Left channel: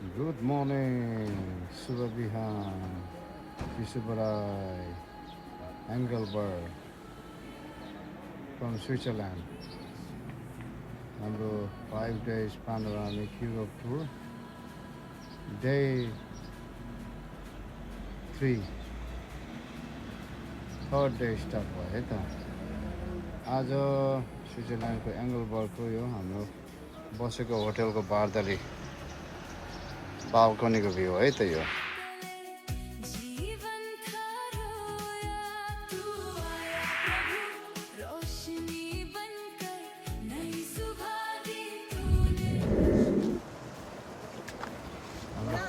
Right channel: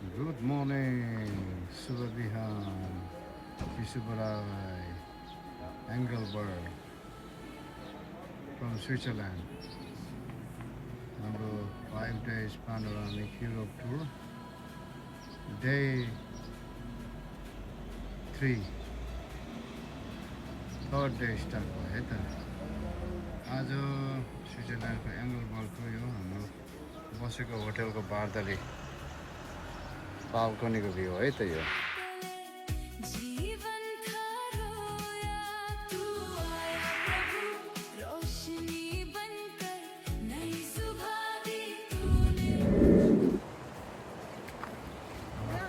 Good morning, Subabihan, Kisubarai, Engelberg from Switzerland. Number 5 days panoramic Europe tour. Day 3. Third day start भयो है त आज स्विजरल्यान्डको एङ्गलबर्गको यो हाम्रो बसेको होटलको बारदाली बाल्कनीको भ्यू है त यो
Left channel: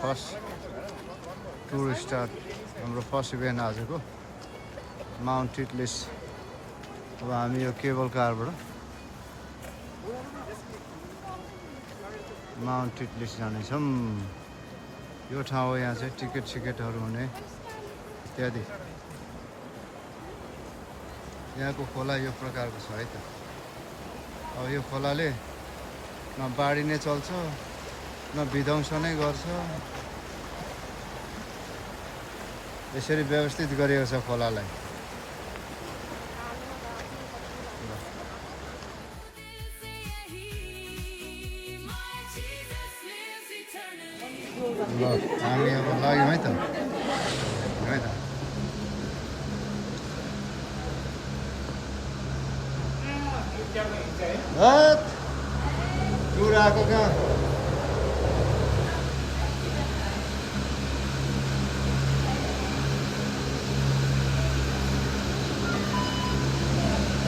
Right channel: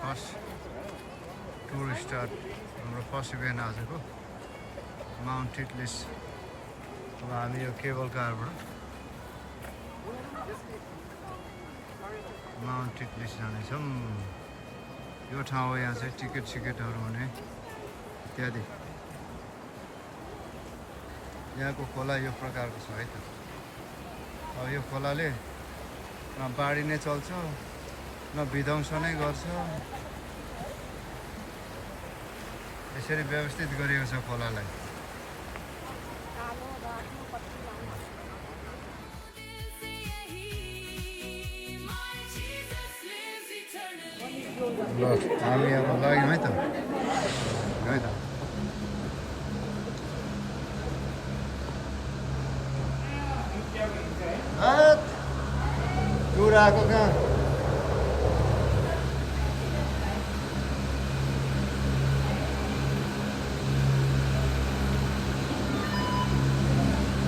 फर्स्ट टुर स्टार्ट हाम्रो फर्स्ट इभेन्ट आजको माउन्ट टिटलिस अब हामी यो केबल कारबाट माउन्ट टिटलिस जानेछौँ यो ठाउँ हो यहाँ चाहिँ टिकटहरू हुने इत्यादि यहाँको खोला यो प्रकारको छ है त अब यो खोलाले न बाढी नै चल्छ न विध्वंस नै गर्छ यसरी व्यवस्थित गरिएको छ खोलालाई ल हामी अब लाग्यौँ है त टुर आएको कहाँ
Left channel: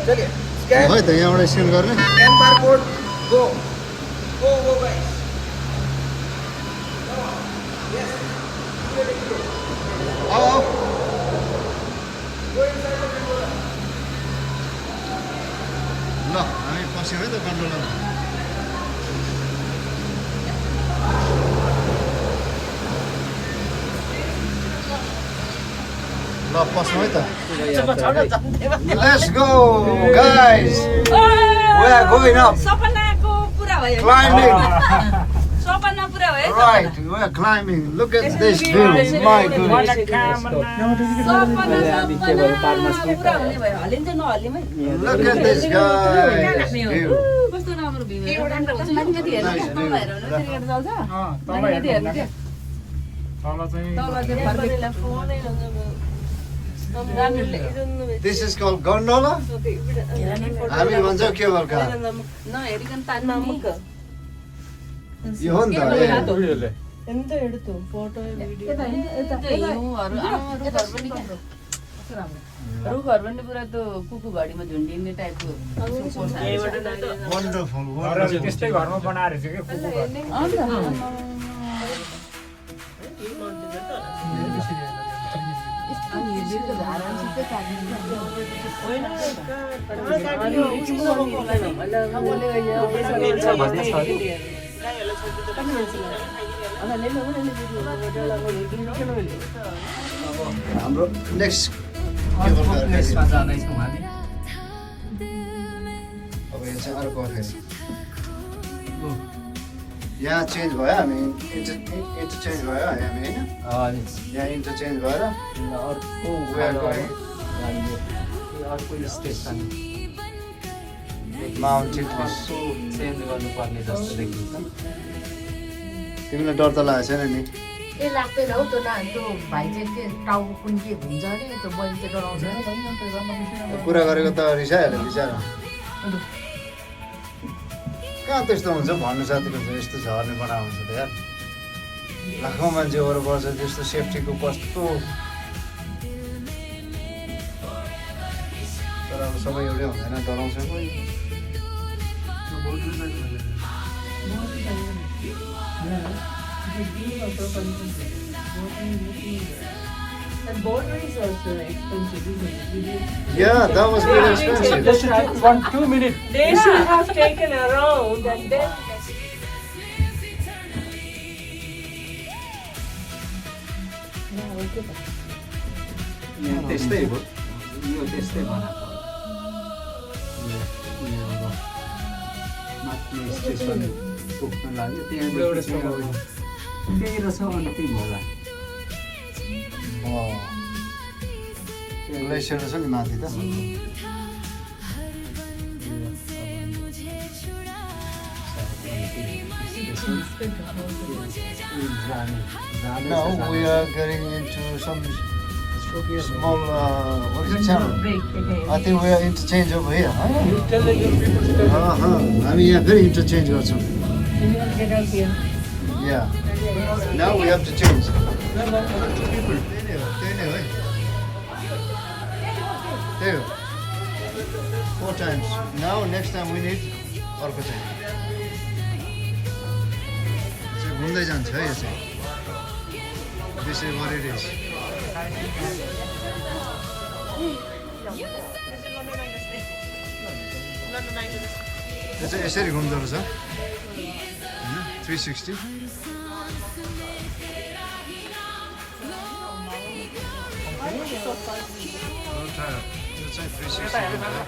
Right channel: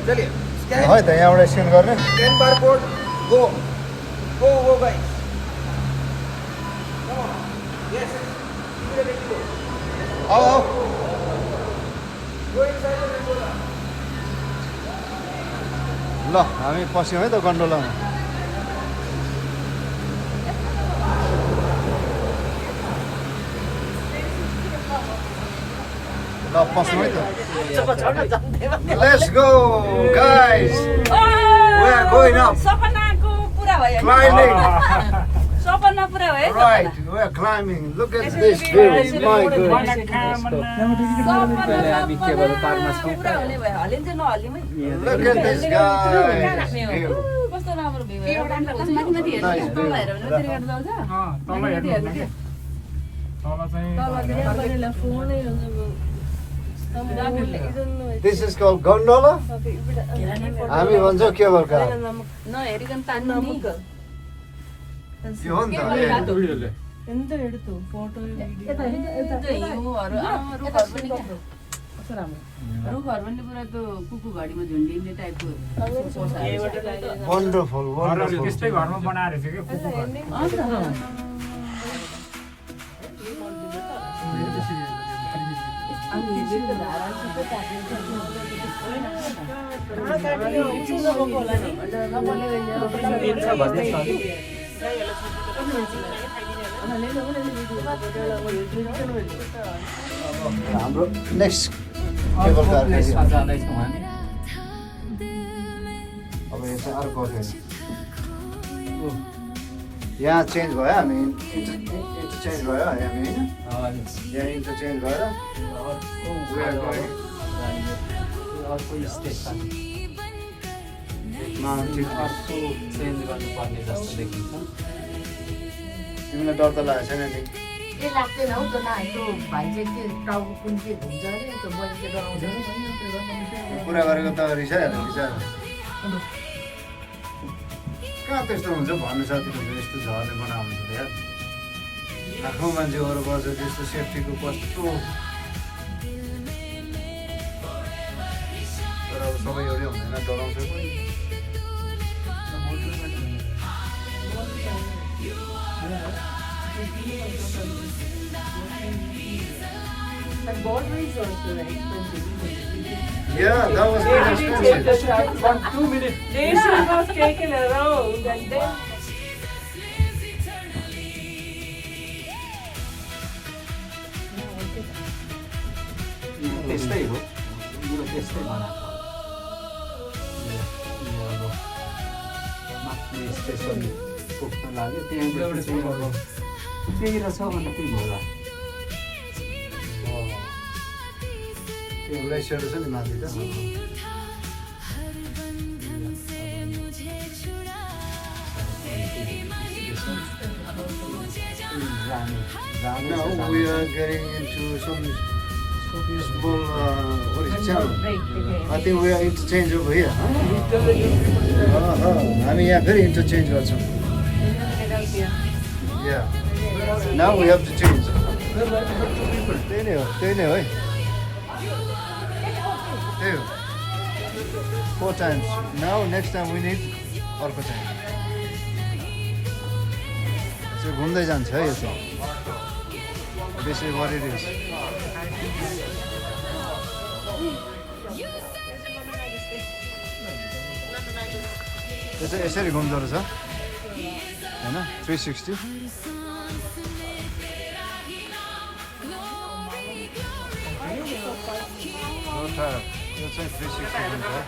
है त यहाँबाट स्क्यान गर्ने Scan barcode, go. Go guys. Yes. Immediately go. आऊ Go inside the window. ल हामी पस्यौँ है त गन्डोलामा ल पस्यौँ है त Let's go guys we are going up सपनाको पुरा भयो climbing सपना पुरा भयो right we are climbing look at this view my goodness पुरा हुने भयो हलिन्छ नहलिमै look at this guys view कस्तो राम्रो भ्यू माथि माथि हेर्नु नभएर माथि हेर्नु चल्छ माथि हेर्नु के तल चाहिँ सबैले फोनै this is called gondola हामी भन्छौँ केबल कार नहेरिकन तान्नु नि यो हो नि त ఎంత ఎడుతూ ఫోటో వీడియో रुखहरू पनि पुरा त्यो कुकु घडीमा झुन्डिने टाइपको wonderful wonderful त्यस्तै घरमा बनाएर थियो के कुकुर हाम्रो नेक्स्ट केबल कार अब यो चाहिँ अर्को फेरि यहाँ चेन्ज भयो हामी इन्टरचेन्ज भयो हामी होइन यहाँ इन्टरचेन्ज भएर अर्को स्टेसन माउन्ट चेन्ज गर्नुपर्ने जस्तो देखिन्छ तिमीलाई डर त लागेको छैन नि ए लाग्दैन हौ त्यो त्यो भाइ चाहिँ के टाउको कुन के हुन्छ अरे त्यो मैले चाहिँ डराउँदैन कुरा गरेको त रिसाइहाल्यो बिचरा कहाँ त्यस्तो हुन्छ भन्नु साथी हुन्छ यस्तो झर्ने बनाएको हुन्छ त यार लाखौँ मान्छेहरू बस्छ त्यस्तो सेफ्टीको कस्तो तर अब सबै एउटै हुँदैन डराउँछ And border is also expensive. Yeah, that was very expensive. They should take 1-2 minutes. They should have taken a round and then. त्यस्तै हो यो त्यस्तै बनाएको माथि स्टेसन पुग्न लाग्यो त्यहाँदेखि त्यहीँनिर छ भने त्यही होला त्यो ग्लेसियर छ नि माथि त Now we are getting into some small, what is it, channel? I think we are interchange over here. Huh? I mean, yeah, very interchange also. Yeah. Now we have to change. There. 4 times. Now next time we need अर्को चाहिँ त्यो घुम्दै जान्छ है यो चाहिँ This is what it is. यो चाहिँ यसरी घुम्दो रहेछ हैन 360 यो चाहिँ 360 घुम्छ है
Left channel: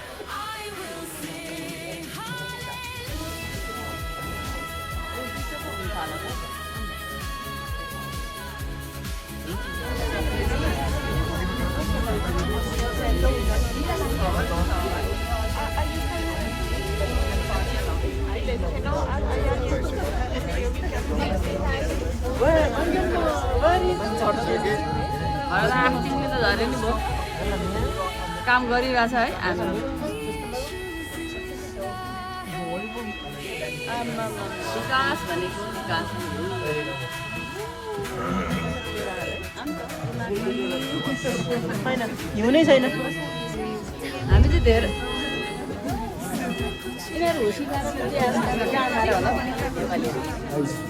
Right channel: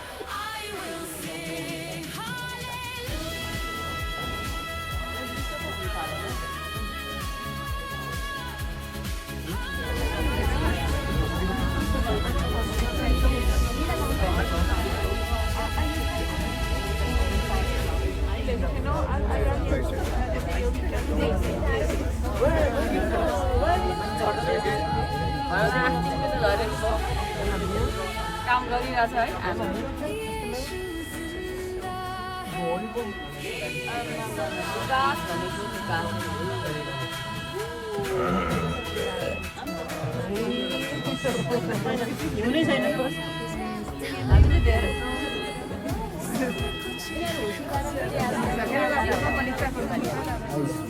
काम गरिरहेछ है आज विकास भनेको विकास हिउँनै छैन हामी चाहिँ धेरै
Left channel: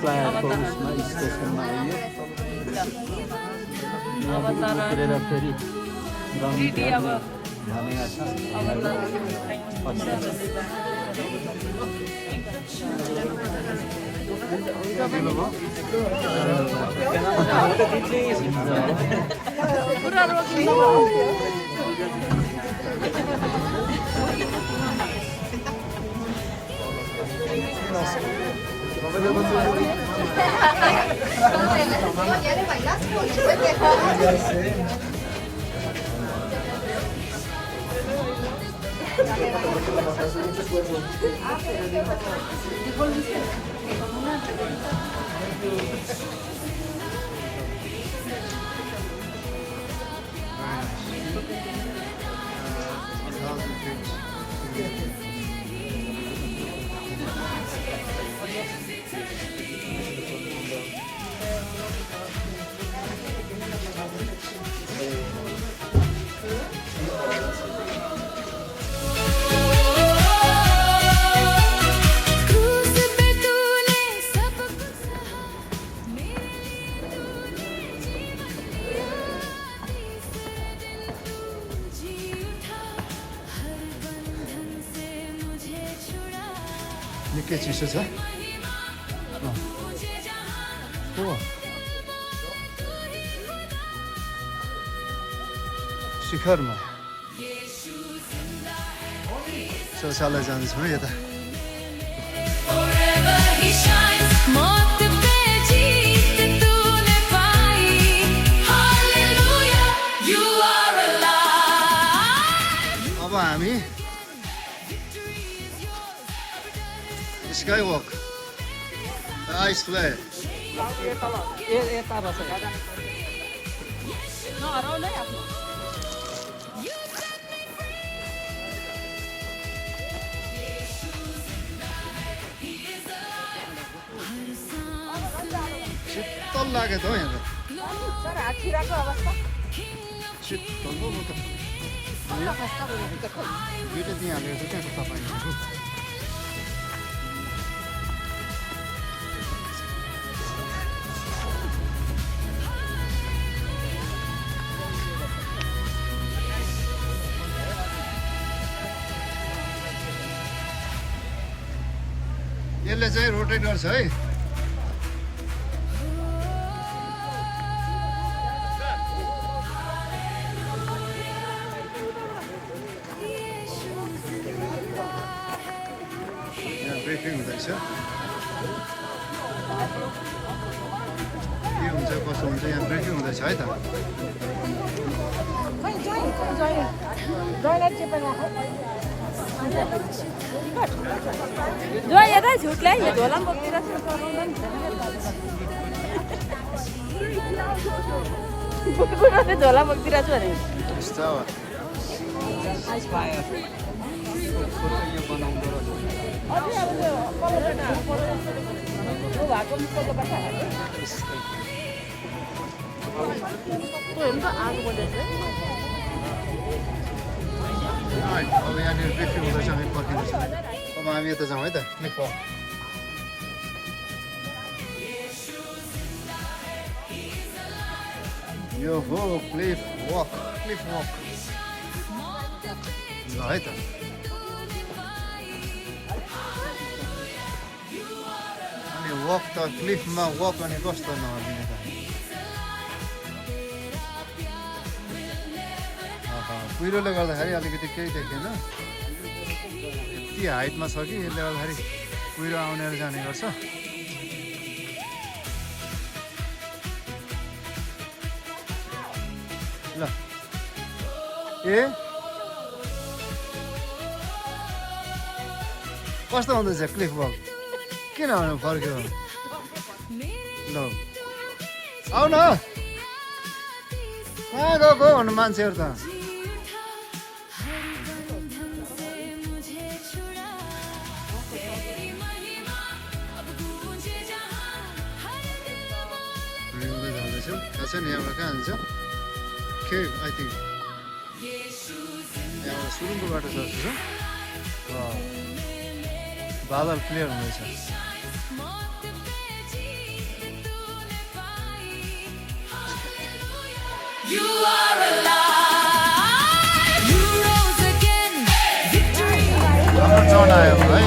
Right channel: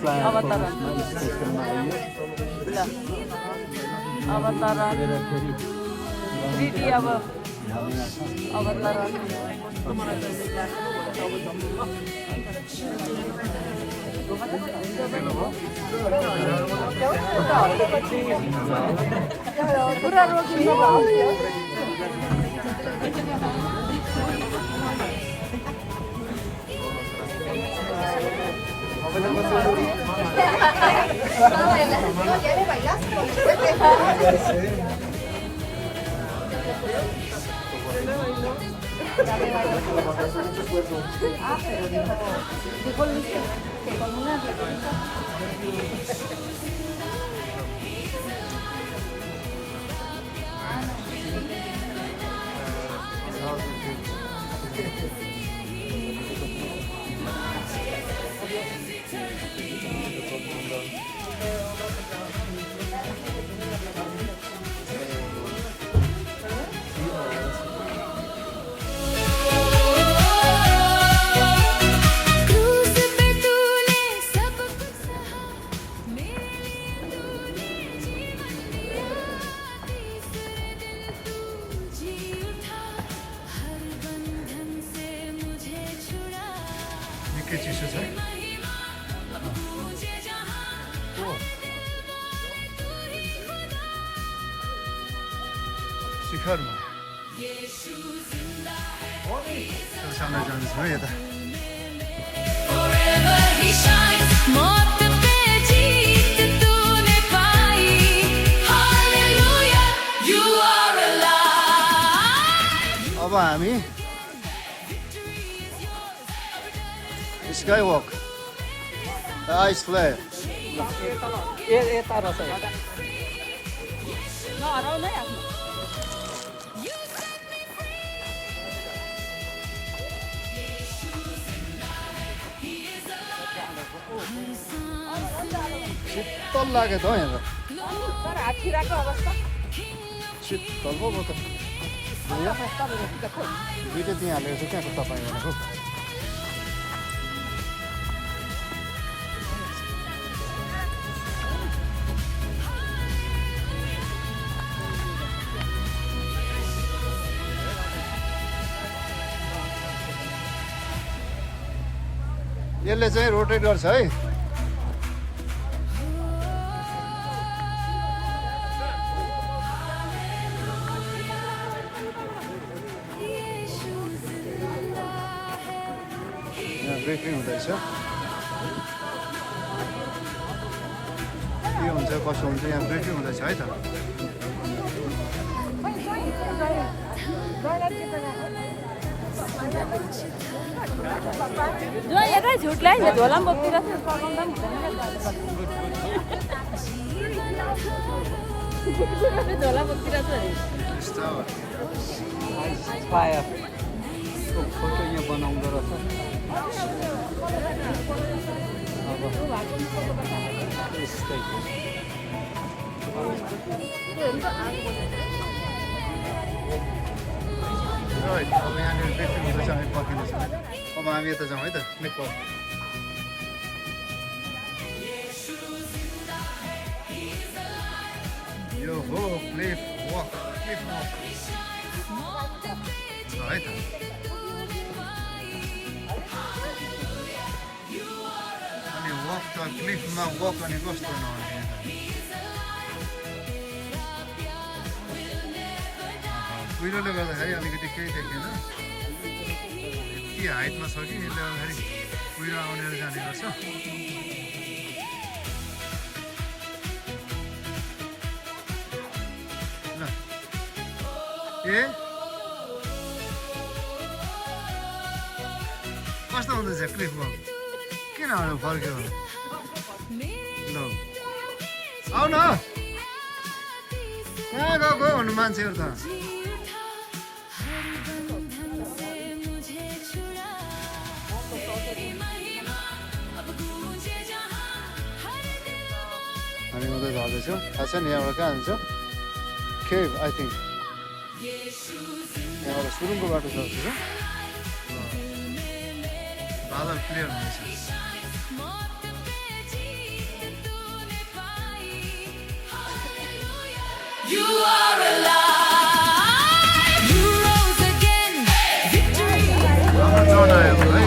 फ्लायरमा स्टेसनमा आइयो अब तर फेरि दिदी अब भनेको छ अब तर पुरा रोकिन्छ निकै चिसो छ शिखरमा शौचालय जाँदैछौँ है यता Forever he shines, मौत पे जीत तूने पाई. Hallelujah, you are alive. अब हामी Skywalk, the ice flare. शीतल लाग्यो त हौ यहाँ त शीतल पो म त दुइटा त्यहाँ हालेको छ त्यहाँको तपाईँ भनेको यसले चाहिँ रोटेट गर्छ है यहाँ ब्रेकिङ हुँदैछ कस्तो हुन्छ यहाँ ब्रिफिङ हुँदैछ है त जो यता झुटलाई झोला बोक्तिर झोला बोक्तिर छु अरे यस्तो हो। Right, अब यहाँनिर ब्रिफिङ हुँदैछ हामी पर्खिँदैछौँ है अब हामी यता जाउँ है त यो हो क्लिफ वक ल है त अनि वक त क्लिफमा वक अनि कस्तो नभने त कुहिरोले गर्दाखेरि अलिकति केही देखेन के हाइटमा छ कि यसले गर्दाखेरि कुहिरो आउनेर जाने गर्छ ल ए कस्तो हुँदैछ क्लिफ वक किन फर्क्यो ल आउ न कहाँ गएको हुनु मान्छेहरू त हामी उता झार्दैछौँ थाहा छ नि यहाँबाट कहाँ हुन्छ केभ आई थिङ्क यहाँबाट सुरुङको बाटो छ जस्तो छ बादल क्लियर हुँदैछ You are alive. You rose again. Victory. हाम्रो जन आयो है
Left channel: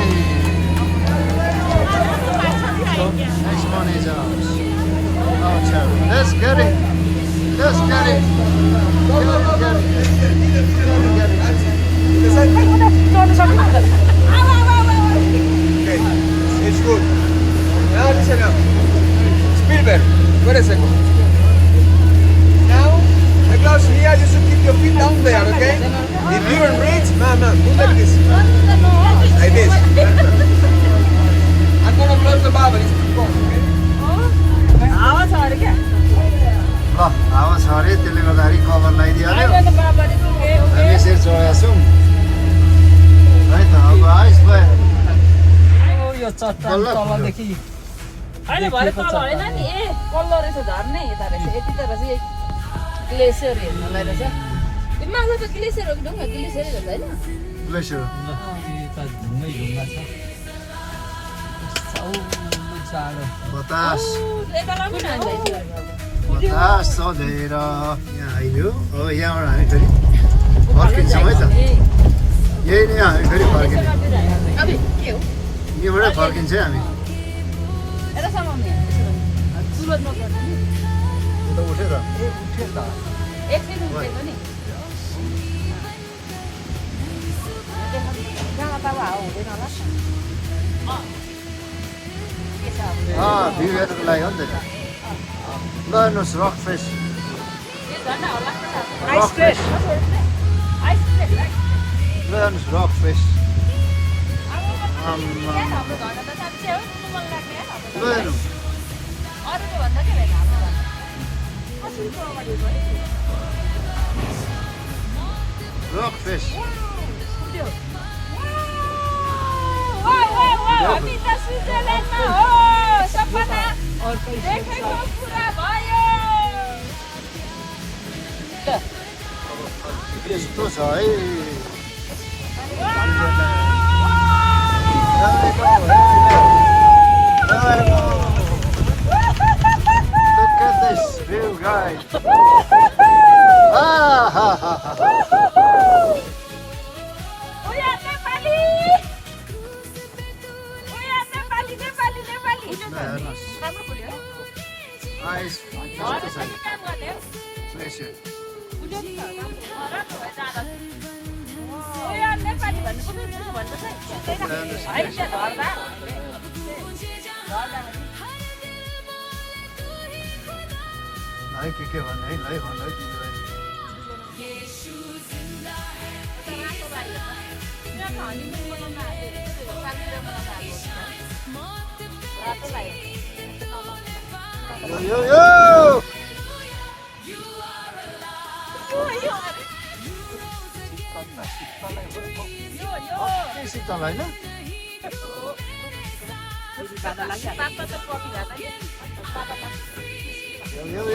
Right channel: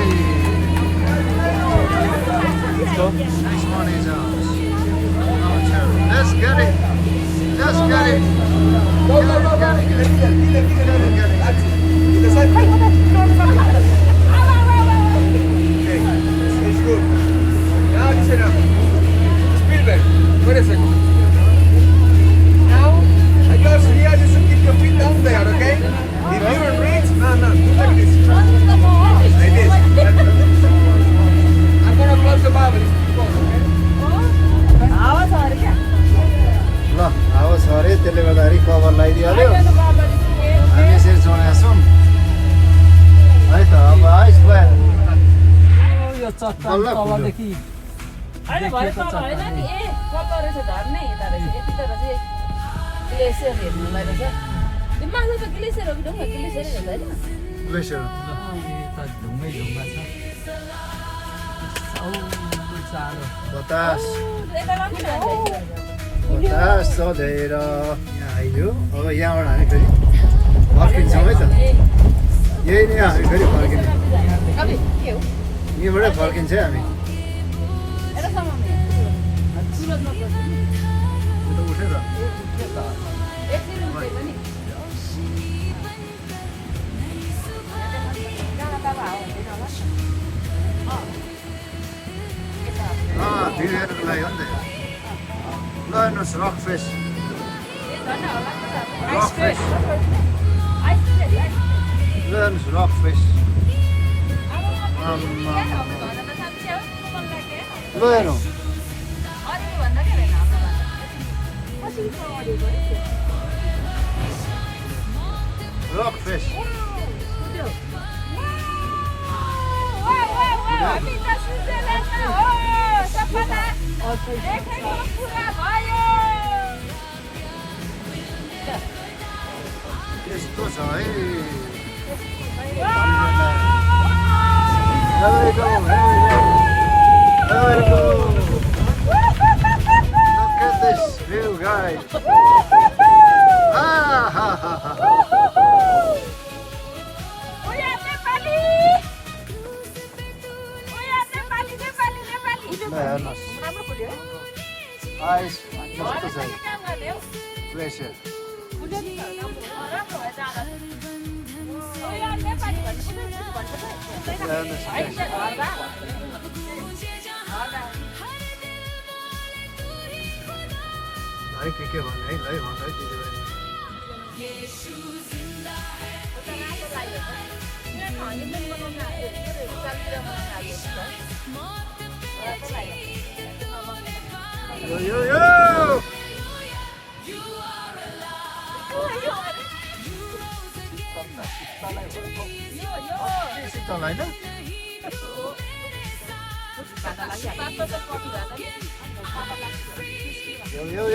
next one is let's get it let's get it Okay, it's good. Now listen up. Spielberg, wait a second. Now, the gloves here, you should keep your feet down there, okay? If you can reach, no, do like this. Like this. I'm gonna close the bubble, it's too close, okay? आवाज छ अरे क्या ल अब छ अरे त्यसले गर्दाखेरि कभर लगाइदिइहाल्यो हामी यसरी चढेका छौँ है त अब आइस भयो यो चट्टान बल्ल तलदेखि अहिले भरे तल होइन नि ए कल्लो रहेछ झर्नै हेर्दा रहेछ यति तर चाहिँ ग्लेसियर हेर्नुलाई रहेछ यो माथि त ग्लेसियर हो कि ढुङ्गा ग्लेसियरै हुन्छ होइन ग्लेसियर ढुङ्गै ढुङ्गा छ चारो बतास एकदम बतास चढेर यहाँ आइदियो अब यहाँबाट हामी फेरि फर्किन्छौँ है त यही नै हामी फेरि फर्किने यहीँबाटै फर्किन्छ है हामी उता उठेर भिडियो हेर्नुको लागि हो नि त ल हेर्नुहोस् रक फेस रक फेस ल हेर्नुहोस् रक फेस ल हेर्नु रक फेस यस्तो छ है Here we go, here we go. Here we go. Look at this view, guys. Ah, ha, ha, ha. Eyes, what to say? Pleasure. है के भन्ने है ल भन्दा दिदीबहिनी यो शीतल होइन यो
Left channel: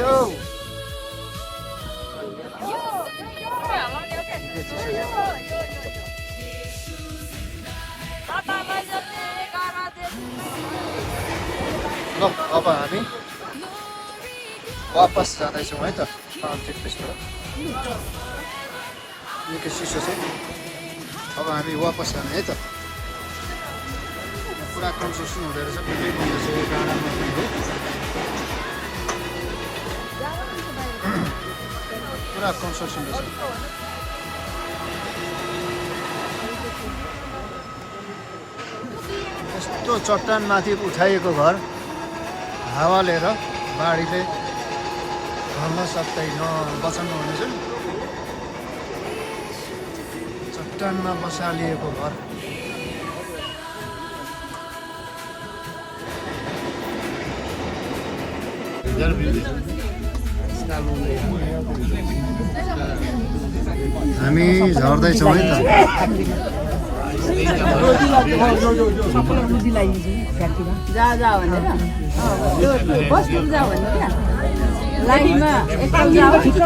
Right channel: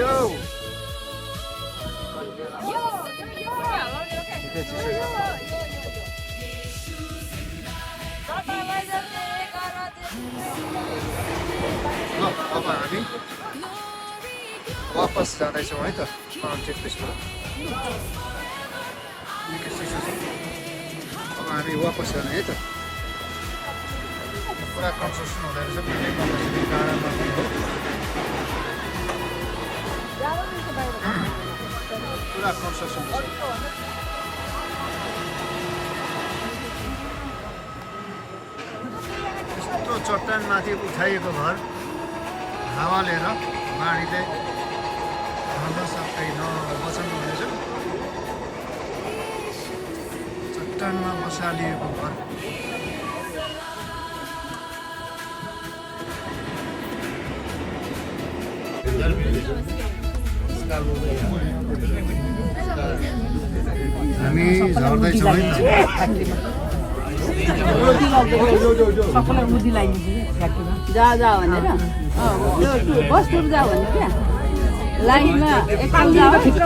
ल अब हामी वापस जाँदैछौँ है त टेकपेसबाट निकै चिसो छ अब हामी वापस जाने है त पुरा कन्स्ट्रक्सन हुँदो रहेछ डाँडामा पनि हो पुरा कन्स्ट्रक्सन यस्तो चट्टानमाथि उठाइएको घर हावाले र बाढीले भन्न सक्दैन बचाउनु भनेछ नि चट्टानमा बसालिएको घर हामी झर्दैछौँ है त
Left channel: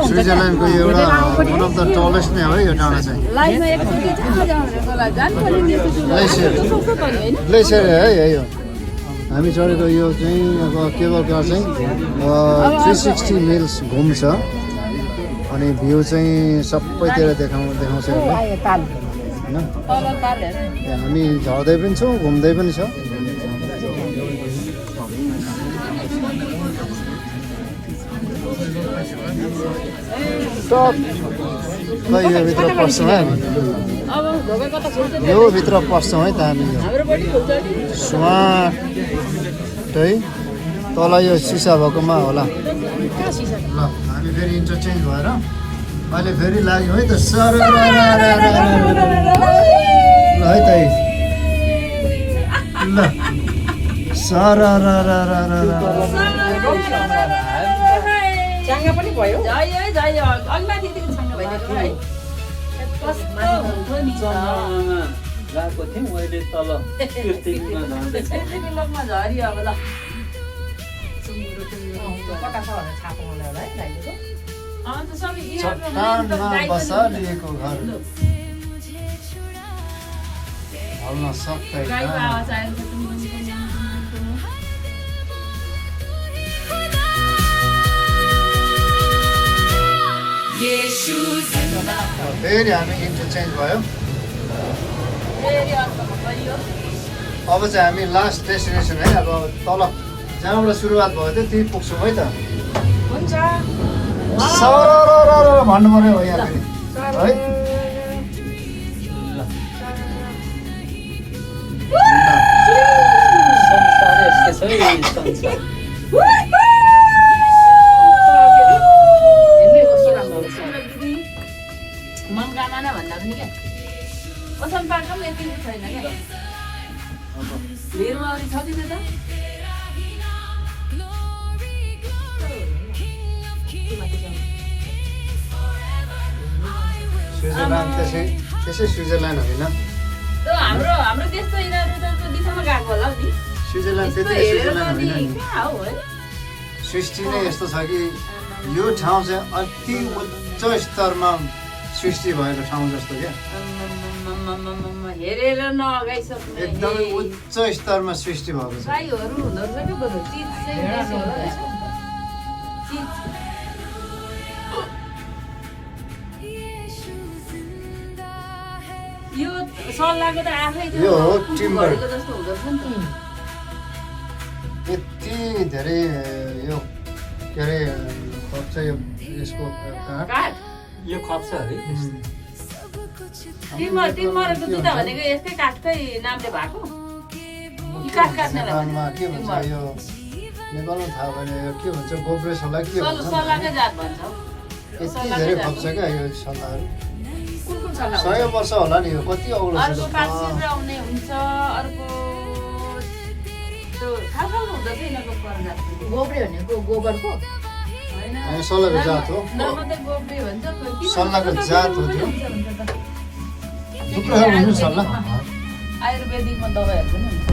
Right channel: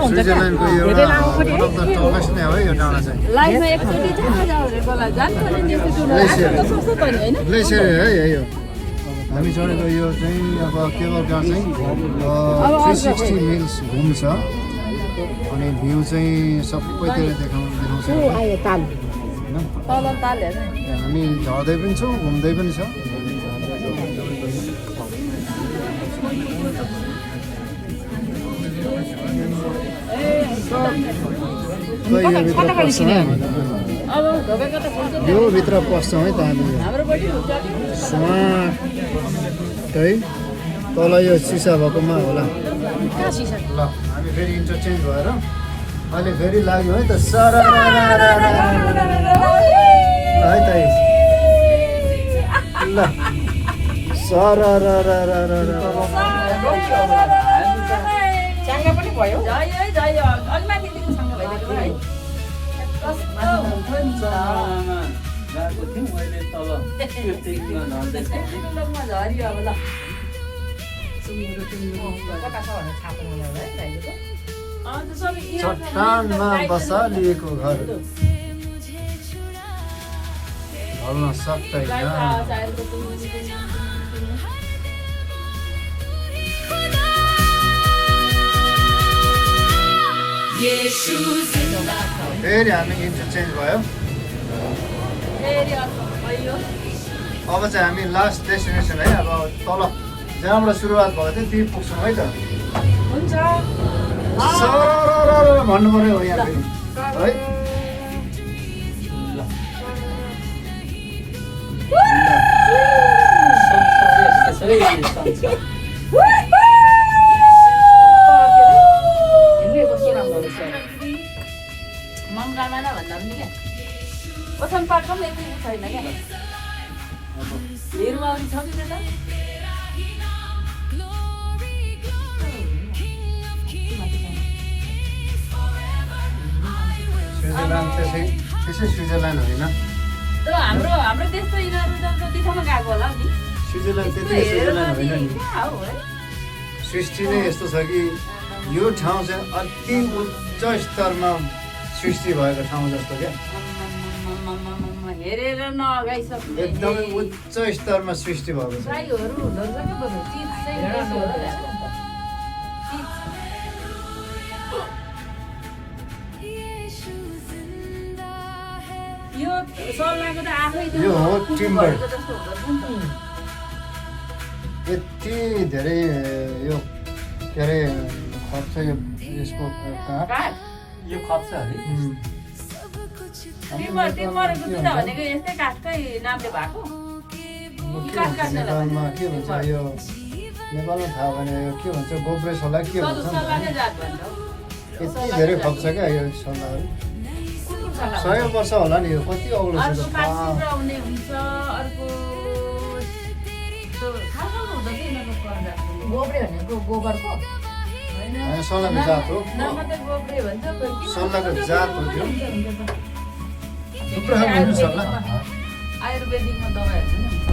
स्विजरल्यान्डको एउटा वान अफ द टलेस्ट नै हो यो डाँडा चाहिँ ग्लेसियर है यो हामी चढेको यो चाहिँ अब केबल कार चाहिँ 360 मिल्स घुम्छ अनि भ्यू चाहिँ सबैतिर देखाउँछ होइन हामी झर्दै पनि छौँ घुम्दै पनि छौँ खै यो भित्र पस्छौँ हामी यो भित्र पस्छौँ है त हामी यो स्वाटै तल यो सिसा भएकोमा होला ल हामी फेरि इन्टरचेन्ज भएर अहिले फेरि लाग्यौँ है त सर ल है त ल सर चाङ्गा पनि भयो गएको थियौँ मैले तल चट्टानमा बसालिएको घर हल्न सक्दैन फेरि हामी इन्टरचेन्ज भयो अब चाहिँ हामी लास्ट डेस्टिनेसन है अब तल जहाँबाट सुरुवात भएको थियो त्यहीँ पुग्छौँ है त सर भन्नु पऱ्यो हो यहाँ फेरि है मङ्गाना भन्दा पनि क्या कसम पार्क पनि यति छैन क्या हेर्नु अरू छ तिम्रो त स्विजरल्यान्ड त्यसै स्विजरल्यान्ड होइन हाम्रो त्यस्तो यिनीहरू त दिशामा गएको होला नि स्विजरल्यान्ड त्यति स्विजरल्यान्ड होइन नि सृष्टि नै यस्तो छ कि यो ठाउँ चाहिँ अति उच्च स्तरमा सृष्टि भएको ठाउँ जस्तो क्या हेरेर नअगाइसक्ने एकदमै उच्च स्तरमा सृष्टि भएको छ गाईहरू हुँदो रहेछ कि बरु चिज चाहिँ बेसी होला यो सल्लाहको त आफै यो हो टिम्बर जस्तो हुँदो रहेछ नि यति धेरै यो के अरे खप्छ यो यसको काठ यो खप्छ अरे टिम्बर बुझ्दा भनेको यस्तै काठकै नामले भएको नेपालमा के भन्छ यो नेपालमा थाहा भने यो के भन्छ गोब्रे सल्लाह के भन्छ सल्लाहकै जात भन्छ यति धेरै खप्छ क्या यो सल्लाहहरू कुन सल्लाह 100 वर्ष होला नि यो कति अग्लो छ अर्को त। काशीमा हुने हुन्छ अर्को त्यो थाहा हुँदैन यिनीहरूको परजात गोब्रे भनेको गोबरको होइन होइन, सल्लाहको जात हो नाममा त गोब्रे भन्छ किन सल्लाहको जात हो त्यो हुन्छ त थुप्रो खालको हुन्छ सल्लाह आयुर्वेदिकमा दबाईहरू पनि हुन्छ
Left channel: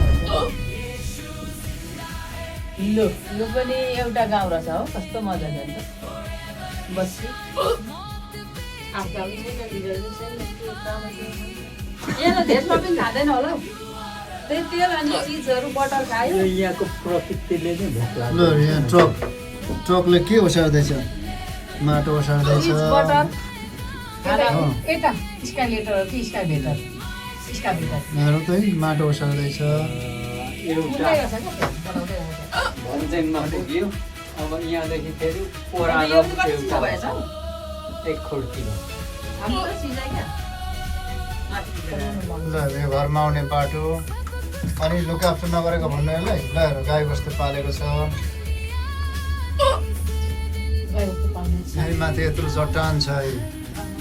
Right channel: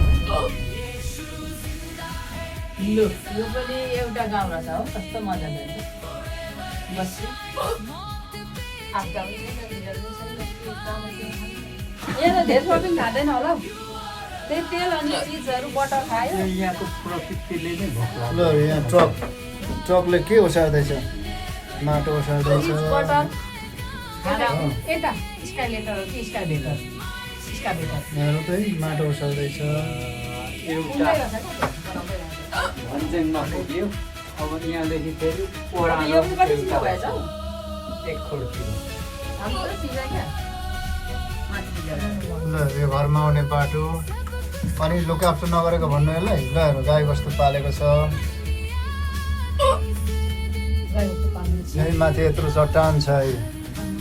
लु यो पनि एउटा गाउँ रहेछ हो कस्तो मजाले हुन्छ बस्छु यहाँ धेरै सपिङ खाँदैन होला हौ त्यही तेल अनि चिजहरू बटर खायो यहाँको प्रकृतिले नै भोक ल यहाँ ट्रकले के ओसार्दैछ माटो ओसार्दैछ चिज बटर यता स्काइलेटर हो कि स्काइलेटर स्काइलेटर यहाँ चाहिँ माटो ओसार्दैछ एउटा भन्ज्याङमा पुग्यो अब यहाँदेखि फेरि ओह्रालो यो कति एउटा भएछ हौ एक खोर्तिर हाम्रो सिजै क्या ल यो घरमा आउने बाटो अनि लुकाप्चो नगरेको भन्नु होला हिउँदाहरू गाई बस्तु पालेको छ यही माथि यत्रो चट्टान छ यो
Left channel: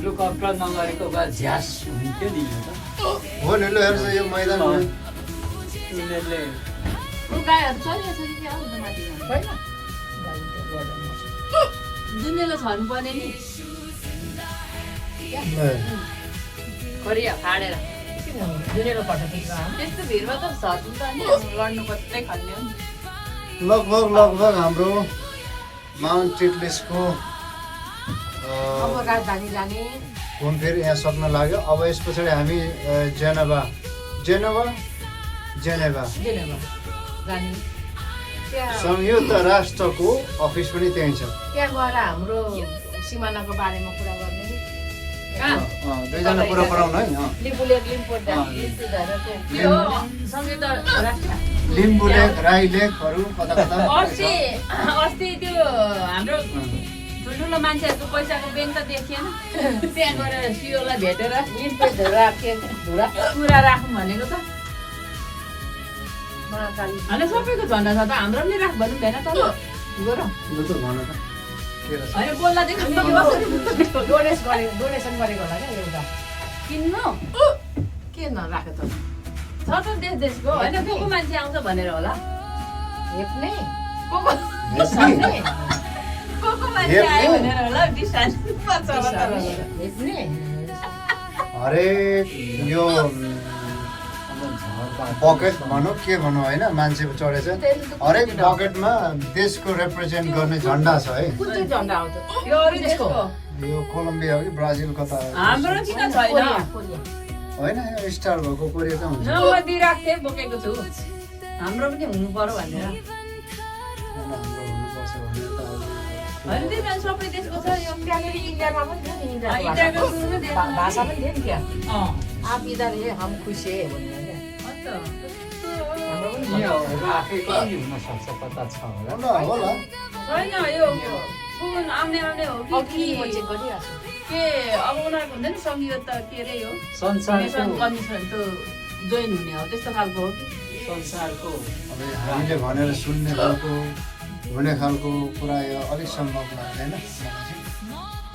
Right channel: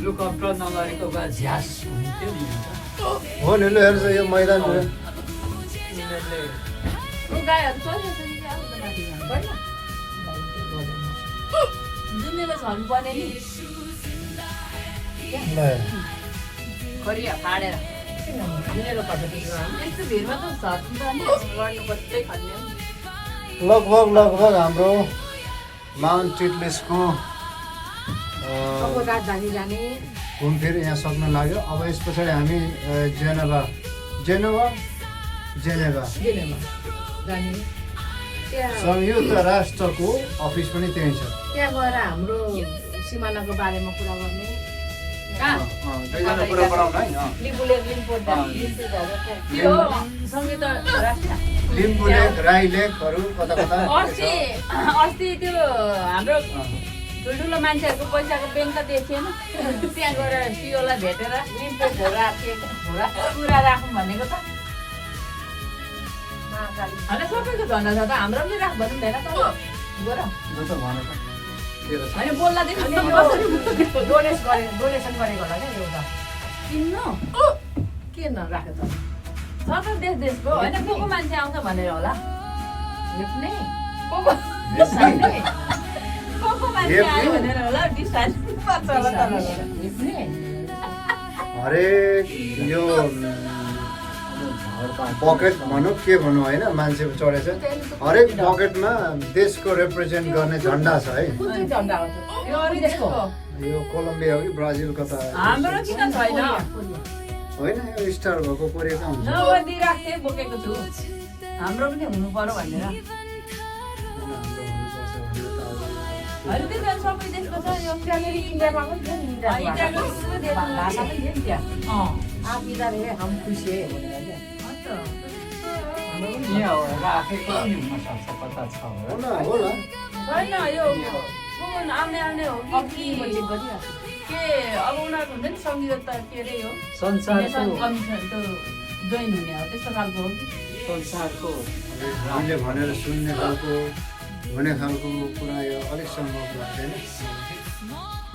लुकअप्टर नगरेको भए झ्यास हुन्थ्यो नि हो नि ल हेर्छ यो मैदान हो। यिनीहरूले गाईहरू चलिरहेछ कि क्या आउँदैन होइन जुनेले छर्नु पर्ने नि ल खरिया फाडेर जुनेको पठाएको यस्तो भिडमा त झर्नु त नि लड्नु पर्दै खल्ने लगभग हाम्रो माउन्ट टिटलिसको अब राजधानी जाने घुमफिर यहाँ सक्न लाग्यो अब यस पछाडि हामी जेनेभा जेनेभा जाने त्यहाँ संयुक्त राष्ट्रको अफिस पनि त्यहीँ छ त्यहाँ गएर हाम्रो सिमानाको बारेमा कुरा गर्ने दुईजना कुरा गराउनु है लिम्बूले लिम्बू त्यो सङ्गीत लिम्बू लेक राई लेकहरू कता कता अस्ति त्यो हाम्रो ठुल्ठुलो मान्छेहरूको पैसाको ब्याङ्क त देखिएन त्यहाँ गएर सिओलाई भेटेर लिम्पेटहरू राखेँ कुरा राखौँ भनेको त महाकाली होइन सबैको झन्डा छ त हाम्रो पनि राख भन्नु भएन त गर यो त भन त के रहेछ होइन बोल्दादेखि डोनेसन गरेको होला क्या एउटा किन्नु किन राख्यो त छ त देशको होइन को को मान्छे आउँछ भनेर होला हेप्ने को को मान्छे आयो भनेर होला विश्वास हेप्ने हरेक यो बकेट भनौँ के भनौँ होइन मान्छे चढेछ हरेक बकेटमा देशको रिप्रेजेन्ट गर्ने झन्डा छ है कुन चाहिँ झन्डा आउँछ यो अरू देशको यो कोलम्बिया हो कि ब्राजिल कता हाम्रो किन छैन होइन यो स्टार भएको कोरियाकै हुन्छ नम्बर दिइरहेको थिएँ बोकेको छु हाम्रो पनि हुनु पर्यो भनेर हाम्रो हुनुपर्छ भनेर त अब होइन त्यही भएर सबै देशको छ यो त्यहाँ पनि इन्डियामा पनि थियो नि इन्डियाको सबै देशको भाषा पनि थियो नि त्यहाँ अँ आप इधर हे हम खुसी है भनेर क्या हाम्रो पनि यहाँ राखेको पनि हुनसक्छ कता छ होला होला होइन यो सुन आउने हो कि अघि चेक गरिरहेको छु के अब उनीहरूको हुन्छ नि संयुक्त के अरे हो संसारको कमिसन त जोइन हुने हो त्यस्तो खालको हो कि संसारको अब हामीले भनेर सुन्ने खालको हुने खालको कुरा यो अलिक सम्भव लाग्दैन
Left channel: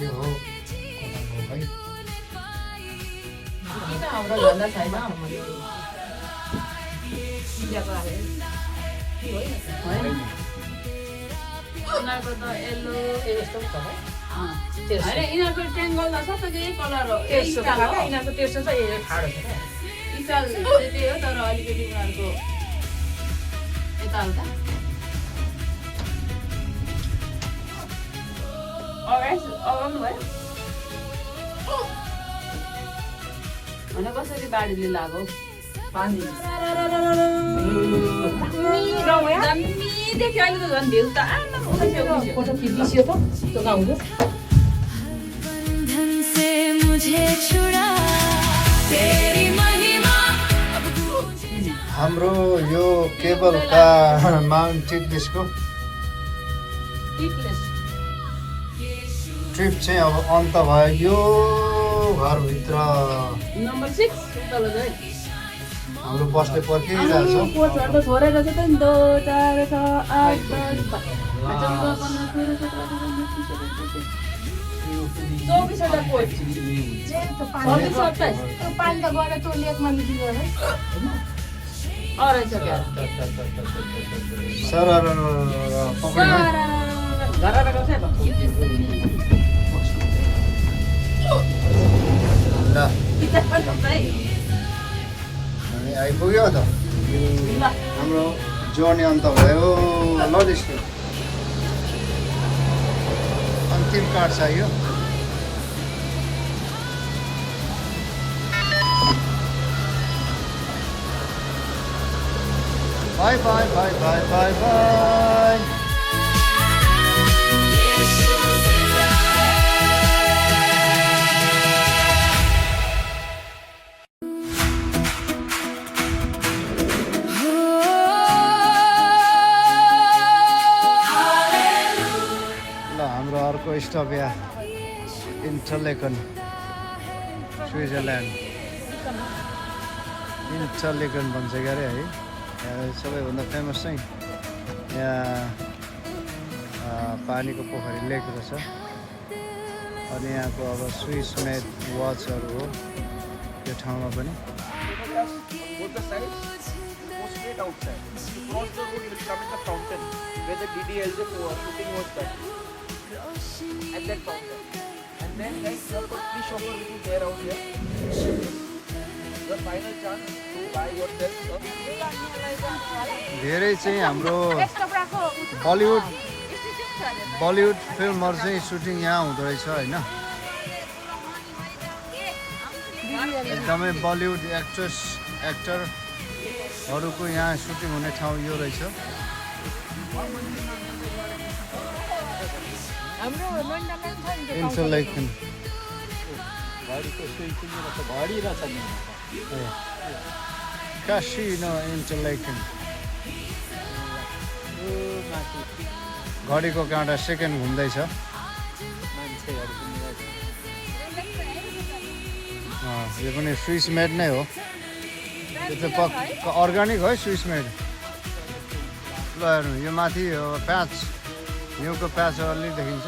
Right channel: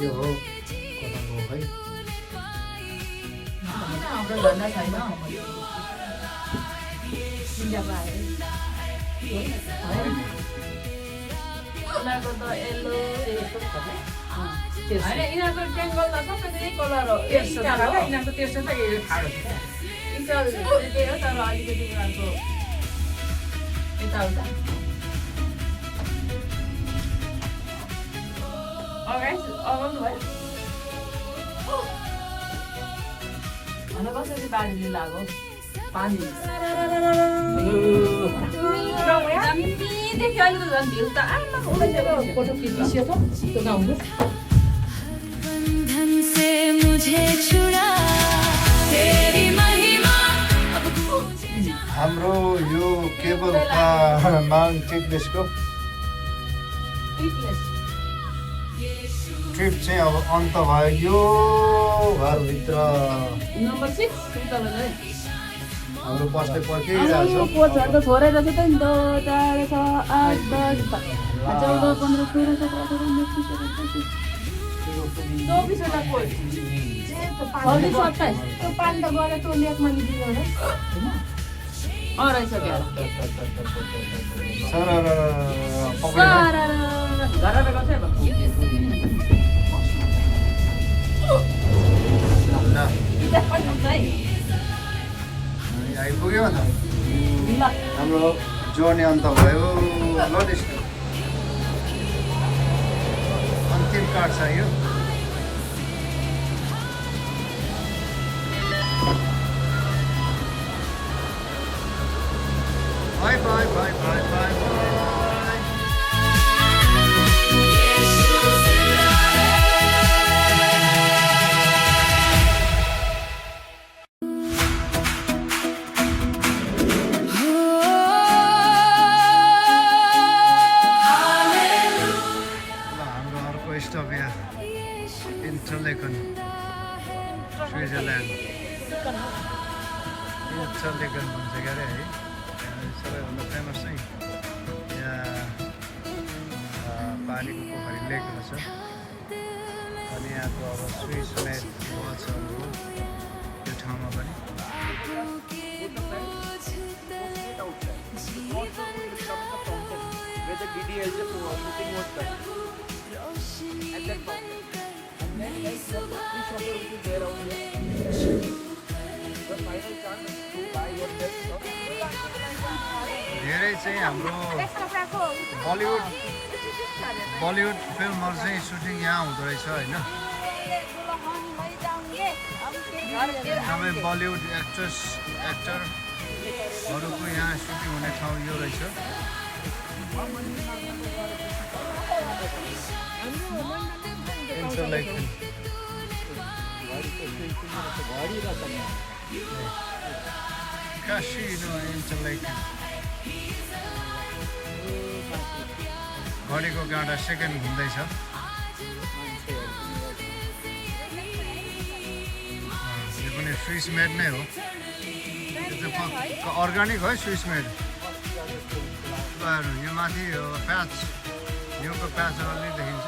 यो हो कताको हो है किन हाम्रो झन्डा छैन इन्डियाको राखेको उनीहरूको त येल्लो यस्तो छ क्या होइन यिनीहरूको बेङ्गल त सबैको यही कलर हो तेर्सो इटाल हो यिनीहरूको तेर्सो चाहिँ यो ठाडो छ क्या इटाल त्यही हो तर अलिकति उनीहरूको यताउता अगाउनु भयो होइन कसरी बाढीले लाग्यो पानी देख्यो अहिले त झन् भ्यू त फोटो खिचियो त त्यो गाउँको बंधन से मुझे छुड़ा तेरी महिमा अब गूंजे हाम्रो यो केबलका माउन्ट टिटलिसको ट्रिप चाहिँ अब अन्त भयो यो घरभित्र नम्बर 6 तल हाम्रो बसले पर्खिरहेको छ पोस्टहरू त छोडेर चाहिँ त नि 2 4 6 8 10 12 15 16 17 18 24 त्यो पानी त गएर त्यो लेकमा निस्किएर रहेछ क्या सर पक्रिनु घरबाट कसै ल हामी आइपुग्यो त हाम्रो जर्नी अन्त भयो ल त्यस्तो अन्तिम कार्ड छ यो bye bye bye bye bye bye stop या इन्टरलेकन स्विजरल्यान्ड इन्टरलेकन भन्छ अरे है सबैभन्दा फेमस चाहिँ यहाँ पानीको पोखरी लेकहरू छ अनि यहाँको अब स्विस मेड वाचहरू हो त्यो ठाउँमा पनि where the DDLJ shooting was done at that fountain. And then like the Patni shopper which is there out here. The final chance to buy yourself. धेरै चाहिँ हाम्रो बलिउड फिल्महरू चाहिँ सुटिङ यहाँ हुँदो रहेछ होइन एकदमै बलिउड एक्टरहरूको यहाँ सुटिङ हुने ठाउँ यो रहेछ कासिनो इन्टरलेकन घडीको काँटा सेकेन्ड घुम्दैछ यो पनि स्विस मेड नै हो त्यो चाहिँ पक्का अर्ग्यानिक है स्विस मेड ल हेर्नु यो माथि प्याच हिउँको प्याच अलि देखिन्छ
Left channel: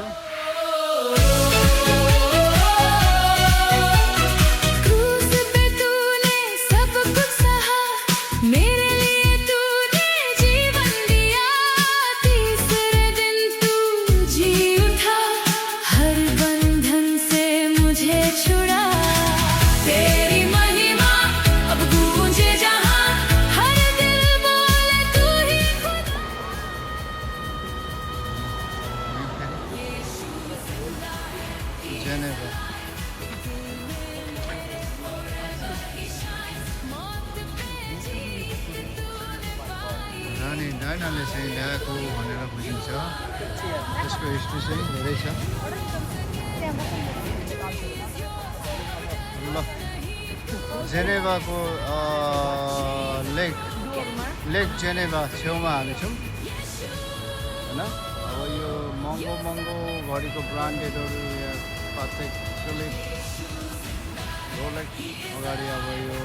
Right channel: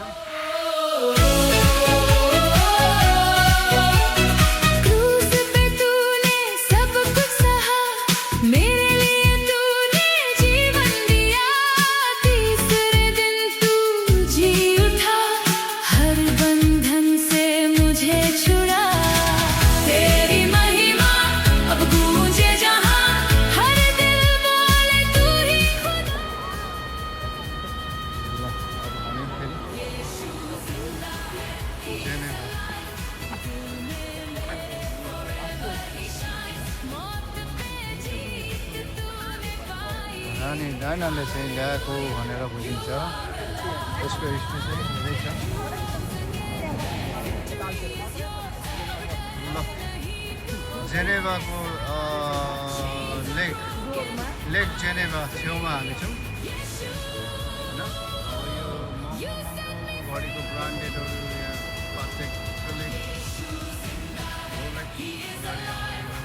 अनि डाइनाले चाहिँ ल्याएको भनेर बुझिन्छ यसको हिस्ट्री चाहिँ धेरै छ ल जेनेभाको लेक जेनेभा छेउमा हालेछौँ होइन अब यो महँगो घडीको ब्रान्डेडहरू या प्रत्येकले अगाडि अब यो